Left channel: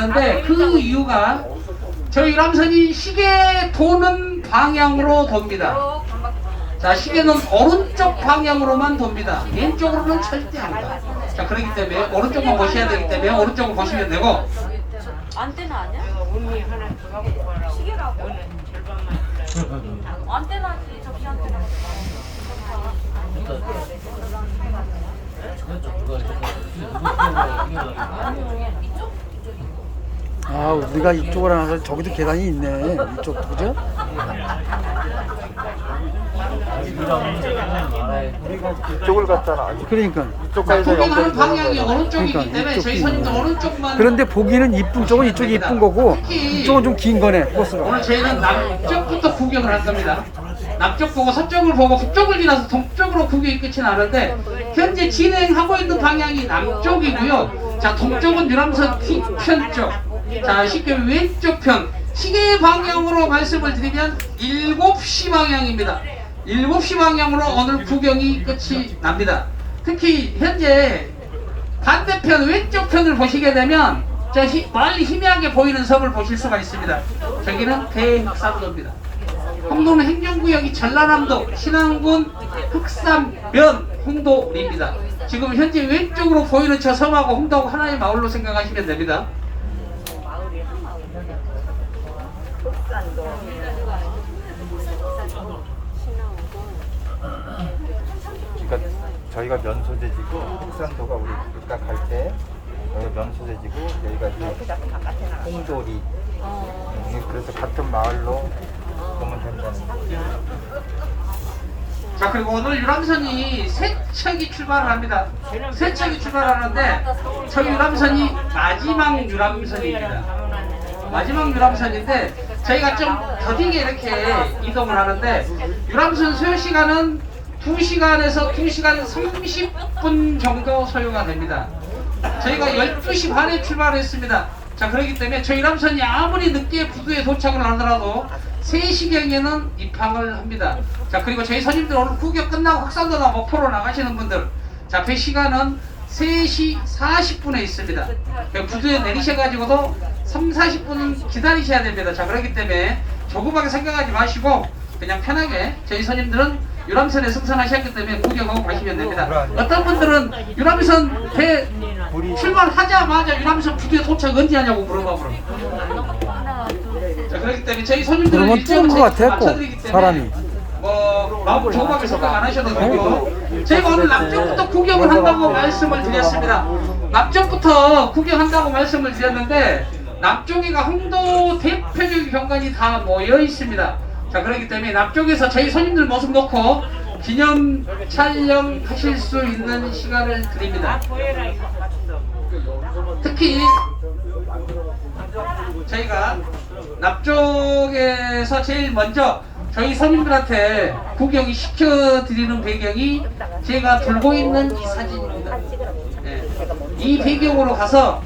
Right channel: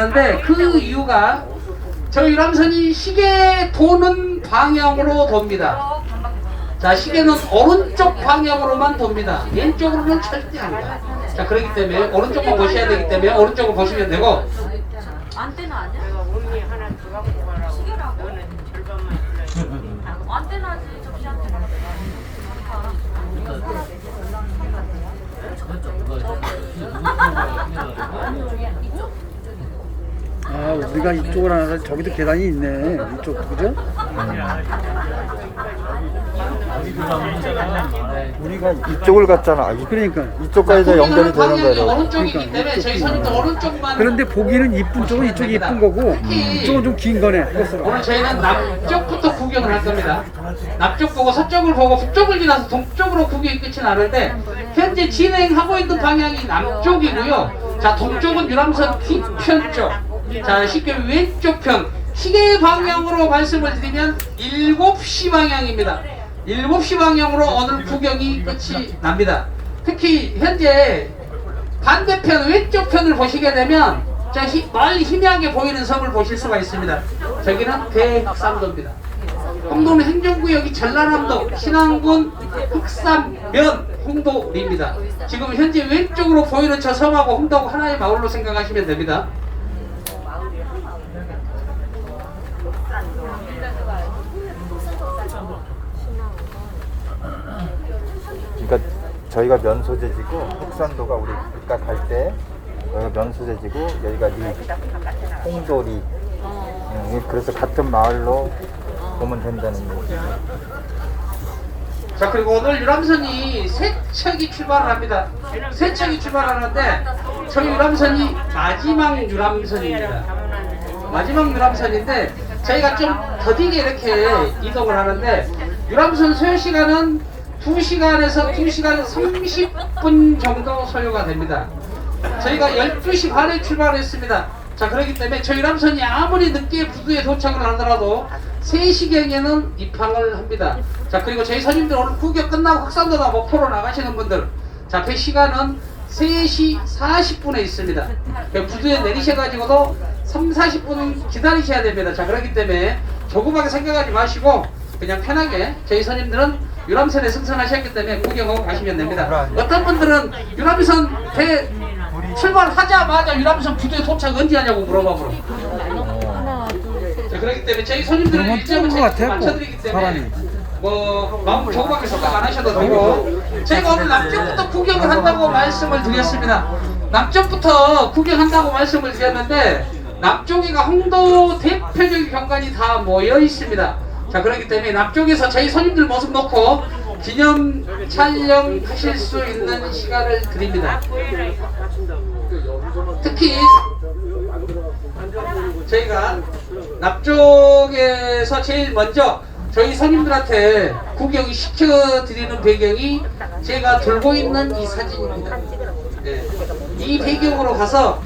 되는데 그 이유가 저희 남선이 시계 도는 방향으로 돕니다. 자, 시계는 오른쪽 방향으로만 돕니다. 왼쪽으로는 절대 안 가요. 자, 그렇기 때문에 오른쪽만 보셔야 되기 때문에 오른쪽을 보시면 되고 안테나 아니야? 시계가 뭐? 안테나지 접시 안테나. 이쪽. 아 우리가 이쪽을 안 와서 저기도 계단이 있네 이쪽 그죠? 우리가 이쪽을 갔잖아. 이- 그러니까 구경하는 연결이 되는 방향이 거예요. 오른쪽이기 그러니까 때문에 이쪽 저희 거예요. 오른쪽만 그런데 보기는 이쁜 쪽은 이쪽이 이쁜 거고 이쪽은 좀 긴 거네 코스가 오늘 저희는 남쪽부터 구경을 할 겁니다. 남쪽 보고 서쪽을 보고 북쪽을 지나서 동쪽으로 구경이 끝이 나는데 현재 진행하고 있는 방향이 남쪽이고요. 자 동쪽은 유람선 뒤편 쪽. 자 쉽게 왼쪽 편. 시계 방향으로 말씀을 드리면 7시 방향입니다. 7시 방향으로 오늘 구경이 끝이 납니다. 특히 현재 반대편 왼쪽 편을 보시게 되면 저 히- 멀리 희미하게 보이는 섬을 보실 수가 있습니다. 저기는 대흑산도입니다. 홍도는 행정구역이 전라남도 신안군 흑산면 홍도리입니다. 지금 현재 왼쪽으로 보이는 저 섬하고 홍도하고 하나의 마을로 생각하시면 됩니다. 그러니까 저희가 면소재지고 흑산도가 우리 이따 갈때 여기가 면소재지고 여기가 이 홍돌이 음, 그래서 같은 마을로 보면 된다는 거예요. 자 그리고 오늘 유람선이 세 척이 출발을 합니다. 세 척이 출발하는데 저희 유람선이 마지막 유람선입니다. 마지막 유람선인데 저희가 좀 더디게 이렇게 이동을 하는데 유람선 소요 시간은 2시간에서 2시간 30분 정도 소요가 됩니다. 저희가 12시 반에 출발했습니다. 자, 그렇기 때문에 저희 유람선이 아무리 늦게 부두에 도착을 하더라도 3시경에는 입항을 합니다. 자, 그리고 저희 선임들 오늘 구경 끝나고 확산도나 목포로 나가시는 분들, 자, 그 시간은 3시 40분에 있습니다. 그 부두에 내리셔가지고도 3, 40분은 기다리셔야 됩니다. 자, 그렇기 때문에 조그맣게 생각하지 마시고 그냥 편하게 저희 선임들은 유람선에 승선하셨기 때문에 구경하고 가시면 됩니다. 어떤 분들은 유람선 대 출발하자마자 유람선 부두에 도착 언제 하냐고 물어봐보라. 자, 그렇기 때문에 저희 손님들은 일정을 같아, 맞춰드리기 꼭, 때문에. 뭐 마음 조그맣게 생각 안 하셔도 되고 제가 오늘 남쪽부터 구경을 한다고 말씀을 드렸습니다. 남쪽부터 구경한다고 말씀을 드렸는데 남쪽이가 홍도 대표적인 경관이 다 모여 있습니다. 자 그렇기 때문에 남쪽에서 저희 손님들 모습 놓고 기념 촬영하실 수 있는 시간을 드립니다. 특히 저희가 남쪽에서 제일 먼저 저희 선임들한테 구경이 시켜드리는 배경이 제가 들고 있는 이 사진입니다. 네. 이 배경으로 가서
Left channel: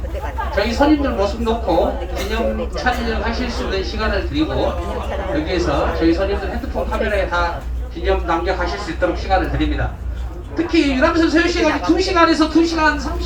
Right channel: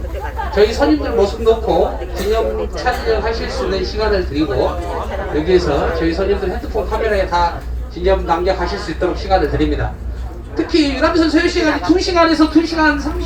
저희 선임들 모습 놓고 기념 촬영하실 수 있는 시간을 드리고 여기에서 저희 선임들 핸드폰 카메라에 다 기념 남겨가실 수 있도록 시간을 드립니다. 특히 유람선 소요 시간이 2시간에서 2시간 30분